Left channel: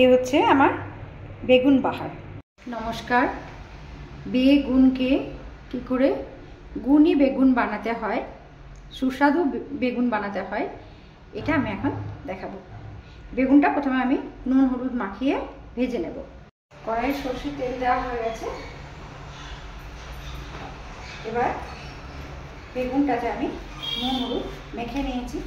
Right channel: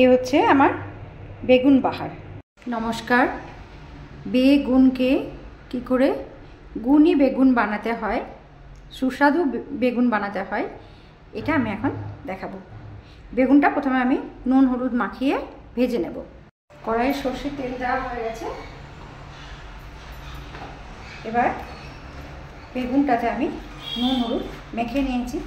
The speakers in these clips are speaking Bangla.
এই হচ্ছে আমার বেগুন বাহার। নমস্কার। বেগুনকে কী করে গুণী বেগুন বানাতে হয়, সুস্বাদু বেগুন বানাতে হয়, এটা আমি এখন দেখাবো। বেগুনটা প্রথমে আমি নুন হলুদ মাখিয়ে ভেজে নেব। কড়াইয়ে সরষের তেল দেওয়া হয়ে গেছে। এবার বেগুনটাতে আমি নুন হলুদ মেখে নিয়েছি।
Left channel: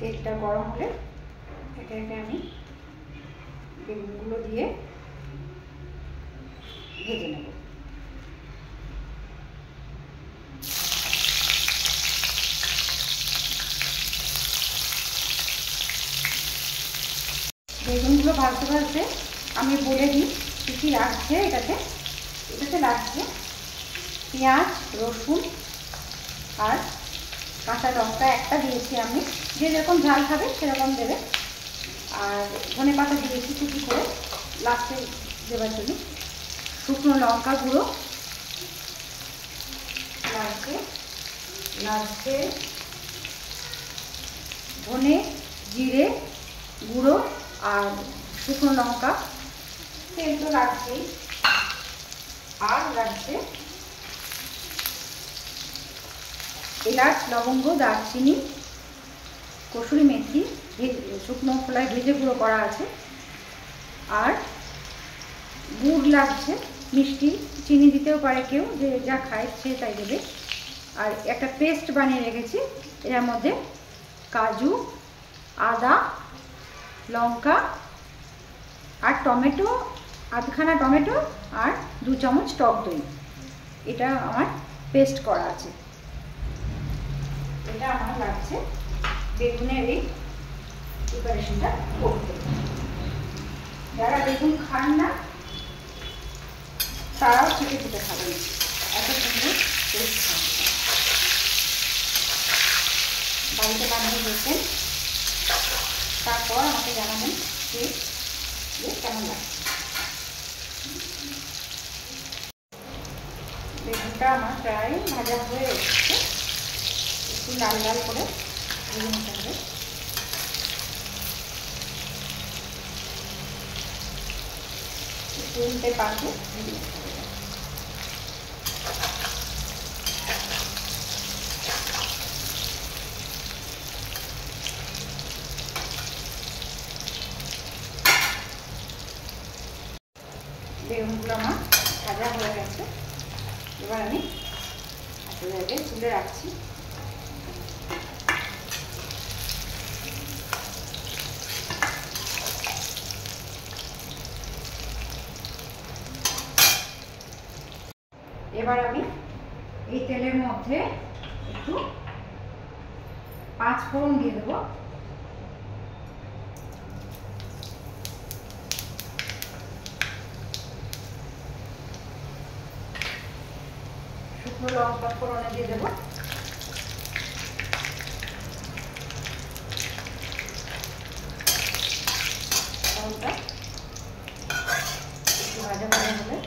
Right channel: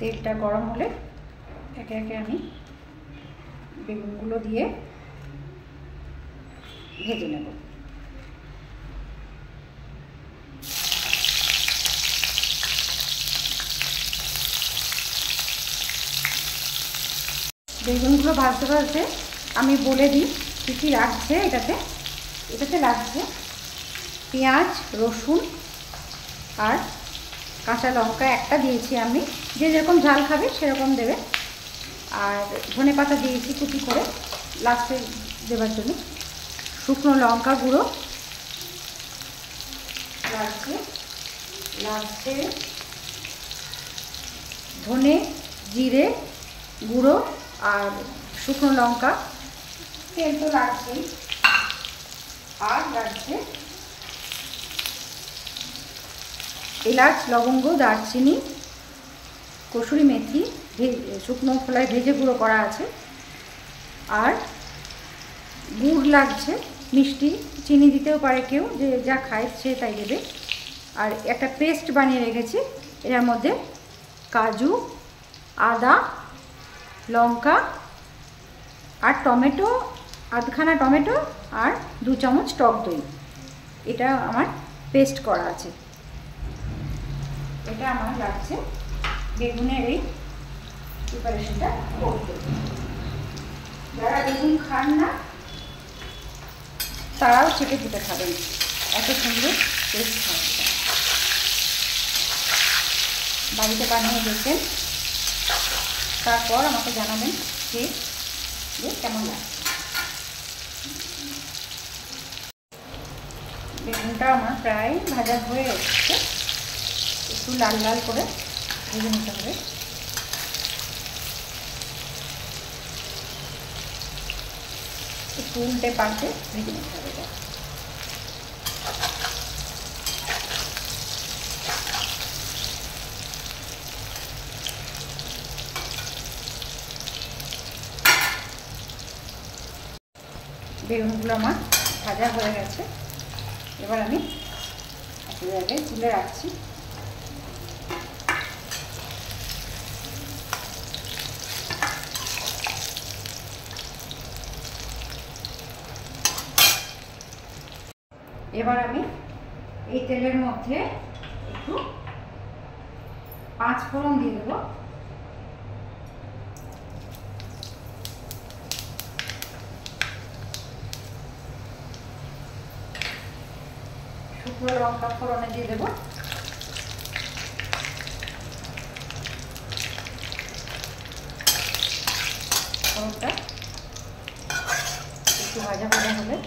তেলটা গরম হলে একে একে আমি বেগুনগুলো দিয়ে ভেজে নেব। বেগুনগুলো ভাজতে ভাজতে আমি বলে দিই কী কী লাগছে। এটাতে লাগছে পেঁয়াজ, রসুন আর কাঁচা লঙ্কা একটা দিয়েছি আমি, যে যেরকম ঝাল খাবে সেরকম দেবে। আর ধনে পাতা দিয়েছি কুচি করে লাস্টে দেওয়ার জন্য। শুকনো লঙ্কা গুঁড়ো লাগছে, ধনে জিরে গুঁড়ো আর শুকনো লঙ্কা, তেল তো লাগছেই। আর লাগছে এলাচ, লবঙ্গ, দারচিনি, কসুরি মেথি শুকনো খোলায় ভেজে গুঁড়ো করা আছে। আর গুড় লাগছে, মিষ্টি, চিনি দিতেও পারে কেউ, যে যা খায় সে তাই দেবে। আর একটা পেস্ট বানিয়ে রেখেছি, এর মধ্যে কাজু, আদা, লঙ্কা আর টমেটো, আধখানা টমেটো আর 2 চামচ টক দই, এটা আমার পেস্ট করা আছে। এটা আমার লাগছে বেগুনের এই প্রিপারেশনটা করতে। যারা বেগুন খান না তারাও চেটে চেটে খাবেন, এত সুন্দর টেস্ট হয়। বাড়িতে বানিয়ে দেখবেন, তারপর আমাকে জানাবেন যে কেমন লাগছে। বেগুনটা আমার প্রায় ভাজা হয়ে এসেছে, একটু লাল লাল করে ভেজে নিতে হবে। একটু উল্টে পাল্টে ভেজে নিতে হবে। বেগুনগুলো আমার ভাজা হয়ে গেছে। এবার আমি তুলে রাখছি। এবার আমি এই তেলের মধ্যে একটু 5 ফোড়ন দিয়ে দেবো। শুকনো লঙ্কা ফোড়নে দিয়ে দেবো। ফোড়নটা একটু ভাজা ভাজা হলে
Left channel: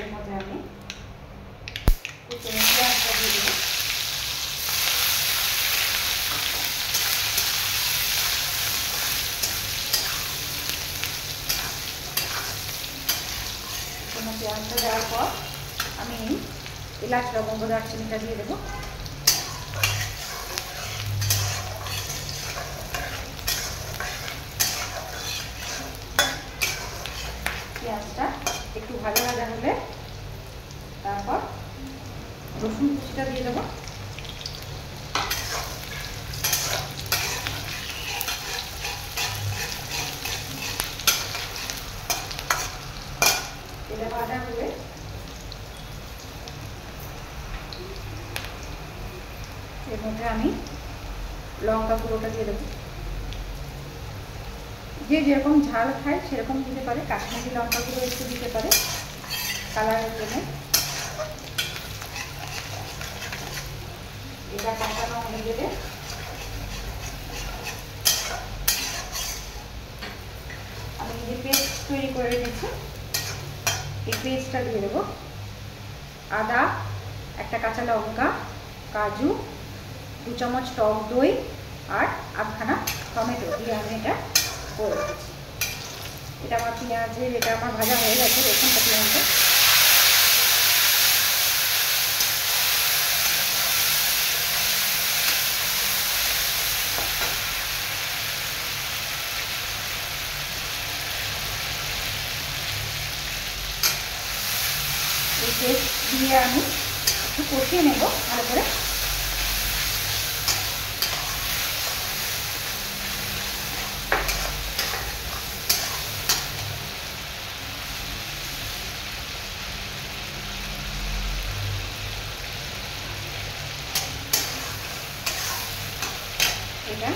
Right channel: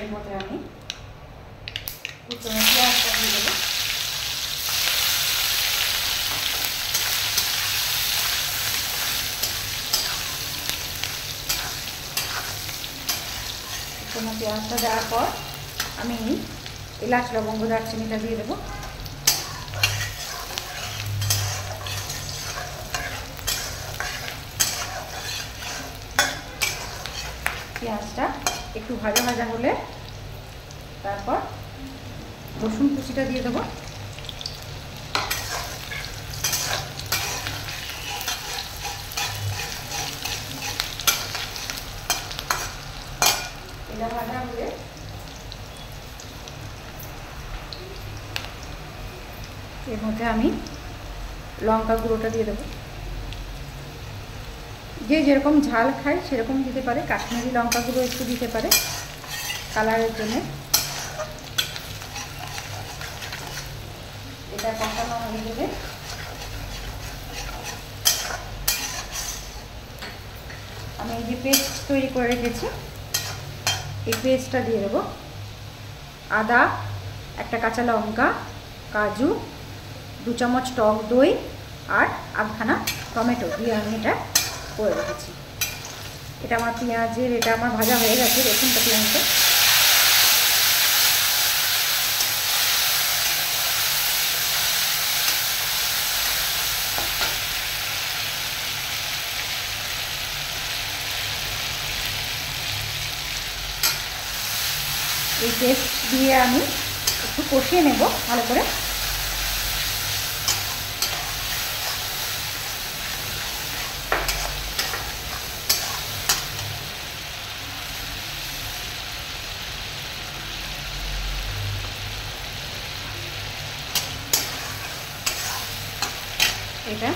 এর মধ্যে আমি পেঁয়াজটা দিয়ে দেবো। পেঁয়াজটা দেওয়ার পর আমি এলাচ, লবঙ্গ, দারচিনিটা দিয়ে দেবো। পেঁয়াজটা একটু ভাজা ভাজা হলে তারপর রসুন কুচিটা দিয়ে দেবো। এটা ভাজা হলে এর মধ্যে আমি লঙ্কা গুঁড়োটা দিয়ে দেবো। যে যেরকম ঝাল খায় সেরকম দিতে পারে, কাশ্মীরি লঙ্কা গুঁড়ো একটু দিতে পারে কালারের জন্য। এটা কষানো হয়ে গেলে পেস্ট তৈরি করে রেখেছি, এই পেস্টটা দিয়ে দেবো। আদা, একটা কাঁচা লঙ্কা, কাজু, 2 চামচ টক দই আর আধখানা টমেটো দিয়ে আমি এটা করে রেখেছি। এটা আমার পেঁয়াজের, এটা আমার ভাজা হয়ে গেছে। দেখুন পেঁয়াজটা এই পেস্ট দিয়ে আমি একটু কষিয়ে নেব ভালো করে। এটা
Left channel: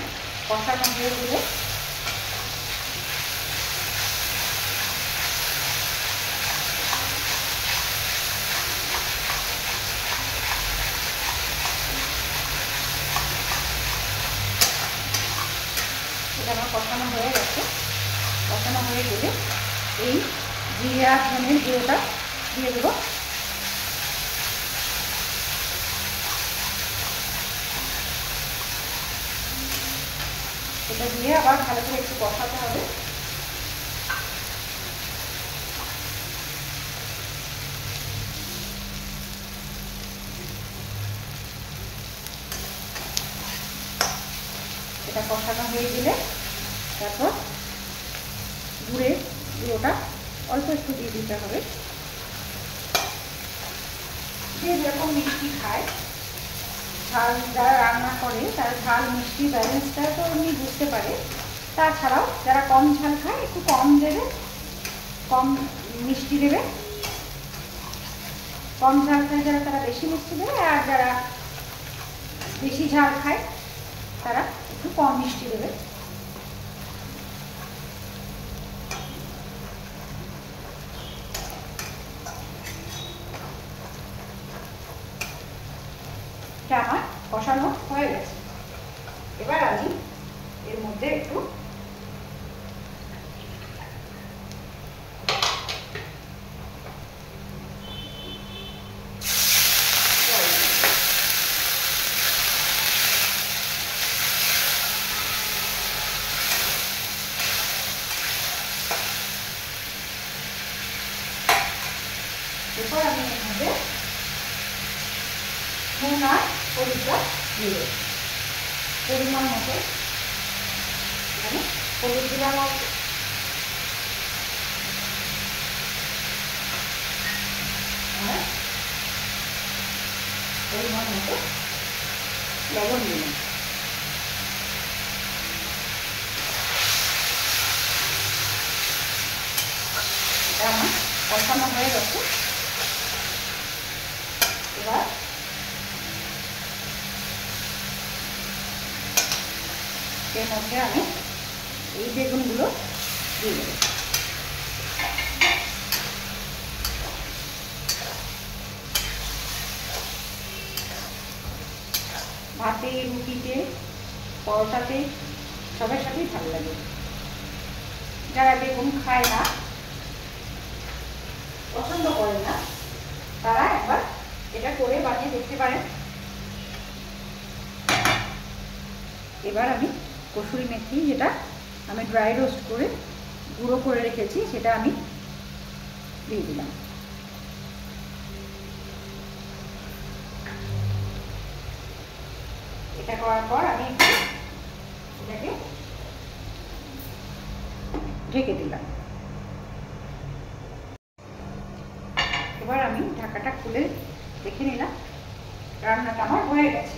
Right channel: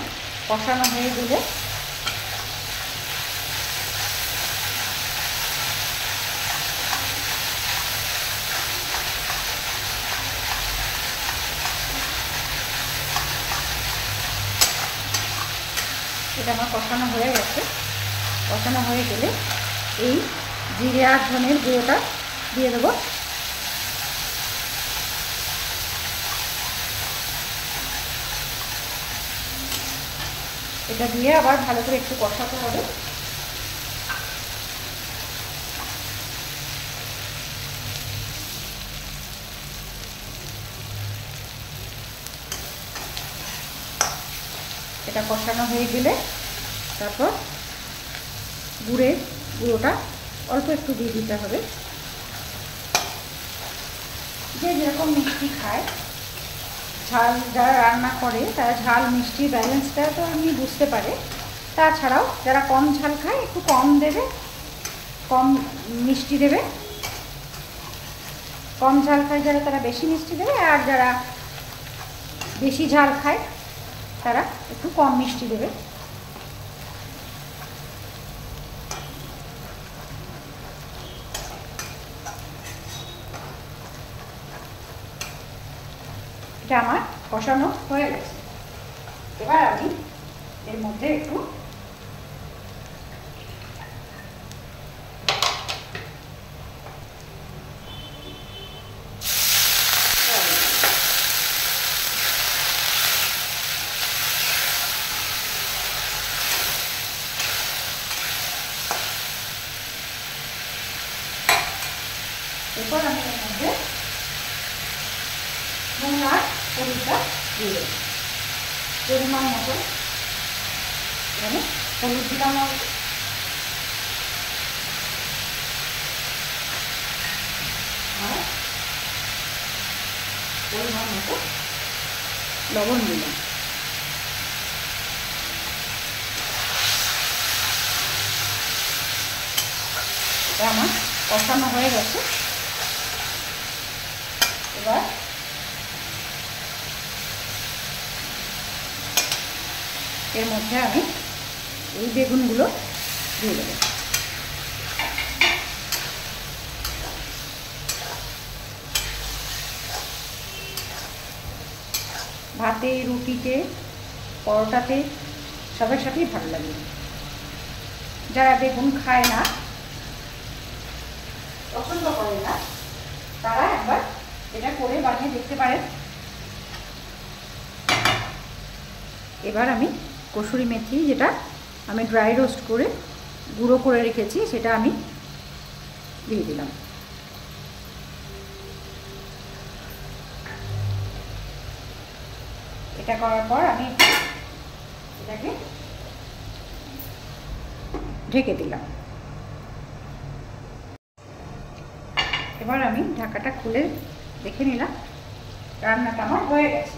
কষানো হয়ে গেলে এটা আমার কষানো হয়ে গেছে। কষানো হয়ে গেলে এই জিরে আর ধনের গুঁড়োটা দিয়ে দেবো। এটা দিয়ে আবার ভালো করে একটু কষাতে হবে। এটা কষানো হয়ে গেলে তারপর গুড়ের গুঁড়োটা অল্প একটু দিয়ে দিতে হবে। যে যেরকম মিষ্টি খায়, ঝাল যারা রান্না করে তারা ঝাল মিষ্টি ব্যালেন্সটা তো এমনি বুঝতে পারে। তাছাড়াও যারা কম ঝাল খায় একটু কম দেবে, কম মিষ্টি দেবে। কম ঝাল খায় যারা তারা বেশি মিষ্টি দেবে, আর যারা বেশি ঝাল খায় তারা একটু কম মিষ্টি দেবে। এটা আমার কষানো হয়ে গেছে। এবার আমি এর মধ্যে একটু এরপর আমি এর মধ্যে নুন আর হলুদটা দিয়ে দেবো পরিমাণ মতো। এখানে হলুদ দিলাম অল্প, আর পরিমাণ মতো লবণ দিলাম। এটা আমার কষানো হয়ে গেছে। এবার এর মধ্যে আমি এই বেগুনগুলো দিয়ে দেবো। ভাতে, রুটিতে, পরোটাতে সবার সাথেই ভালো লাগে। যারা বেগুন খায় না, পছন্দ করে না, তারা একবার এটা করে বানিয়ে দেখতে পারেন। এবার আমি কসুরি মেথি, যেটা আমি ড্রাই রোস্ট করে গুঁড়ো করে রেখেছি, সেটা আমি দিয়ে দিলাম। এটা করার পর আমি এটাকে ঢেকে দিলাম। এবার আমি ঢাকাটা খুলে দেখে নিলাম, রান্নাটা আমার হয়ে গেছে।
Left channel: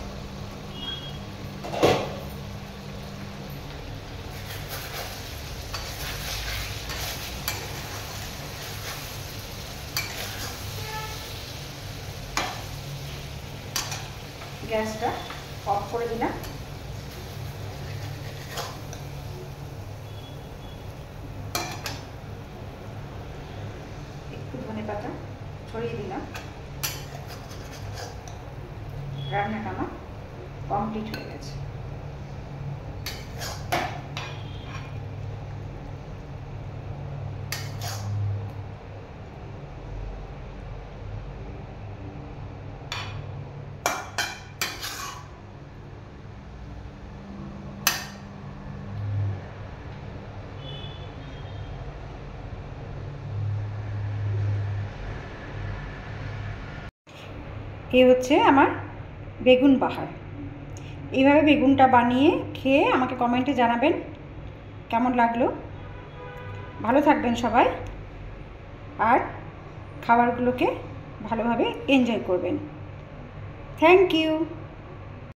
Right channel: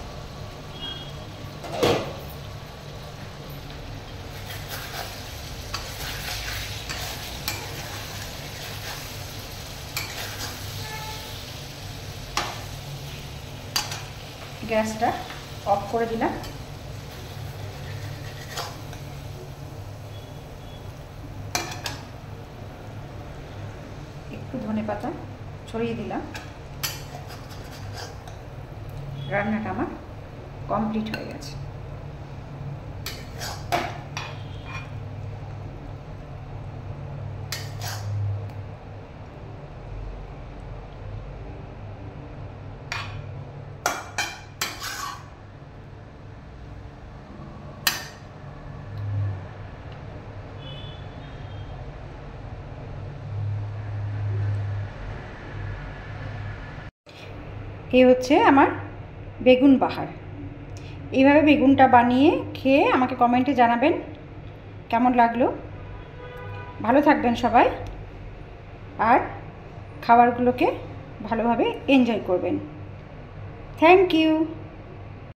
গ্যাসটা অফ করে দিলাম। একটু ধনেপাতা ছড়িয়ে দিলাম। রান্নাটা আমার কমপ্লিট হয়ে গেছে। এই হচ্ছে আমার বেগুন বাহার। এইভাবে বেগুনটা বানিয়ে খেয়ে আমাকে কমেন্টে জানাবেন কেমন লাগলো। ভালো থাকবেন সবাই, আর খাবারগুলোকে ভালোভাবে এনজয় করবেন। Thank you.